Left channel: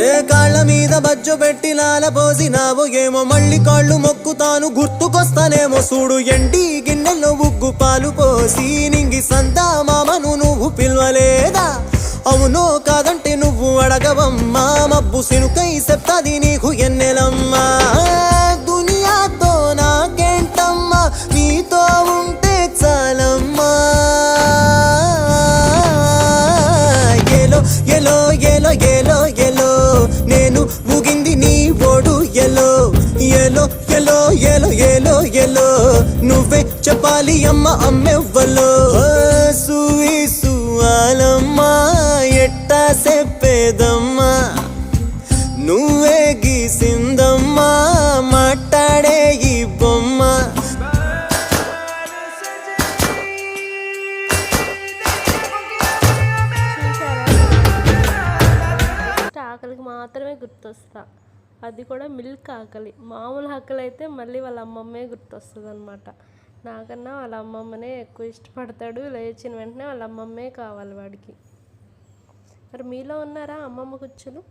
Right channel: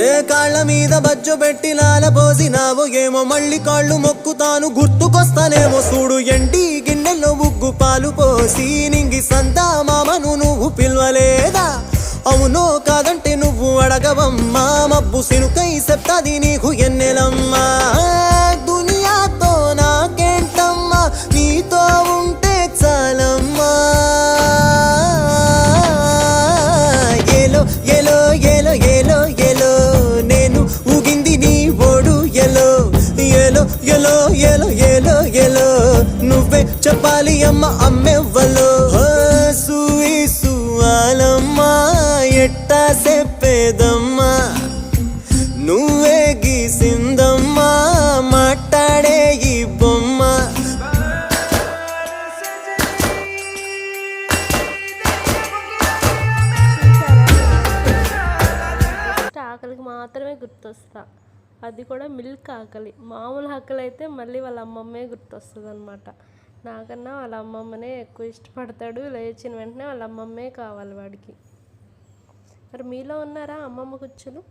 ఏ కాళ్ళ మీద బజ్జు పెట్టి లాలపోసినావో ఏమో మళ్ళీ కాళ్ళు మొక్కుతాను గుర్తుకొస్తానేమో చూడు ఎండి గిన్నెల్లో ఉగ్గు పాలు పోసి నింగి సంతా మామను నువ్వు పిలవలేదా అవునో కాదంటే నువ్వు అడగవమ్మా మబ్బు సినుకై చెప్తాది నీకు ఎన్నెలమ్మా దునియాతో నాకేంటమ్మా నీతో ఉంటే చాలమ్మా ఎలో ఎలో ఎలో ఎలో ఎలో నేను ఊగింది నీ ఓడు ఎలో ఎలో ఎలో ఎలో ఎలో ఎలో నువ్వే చెప్పాలి అమ్మ అమ్మెవ్వలో సూసు ఆలమ్మా ఎట్టా చెప్పేదమ్మా నువ్వే గీసిందమ్మా మాట్లాడే ఈ బొమ్మ ఆకలికి మాత్రమే గుర్తొస్తా, అది కూడా మిల్క్ ఆకలి. మామూలు ఆకలి అయితే మళ్ళీ వాళ్ళ అమ్మమ్మే గుర్తొస్తుంది అనమాట. నాకన్నా వాళ్ళ అమ్మమ్మనే ఎక్కువ ఇష్టపడతాడు. లేచిన వెంటనే వాళ్ళ అమ్మమ్మే కావాలి వాడికి. మరి మీలో ఉన్నారా అమ్మమ్మ కుచ్చులు?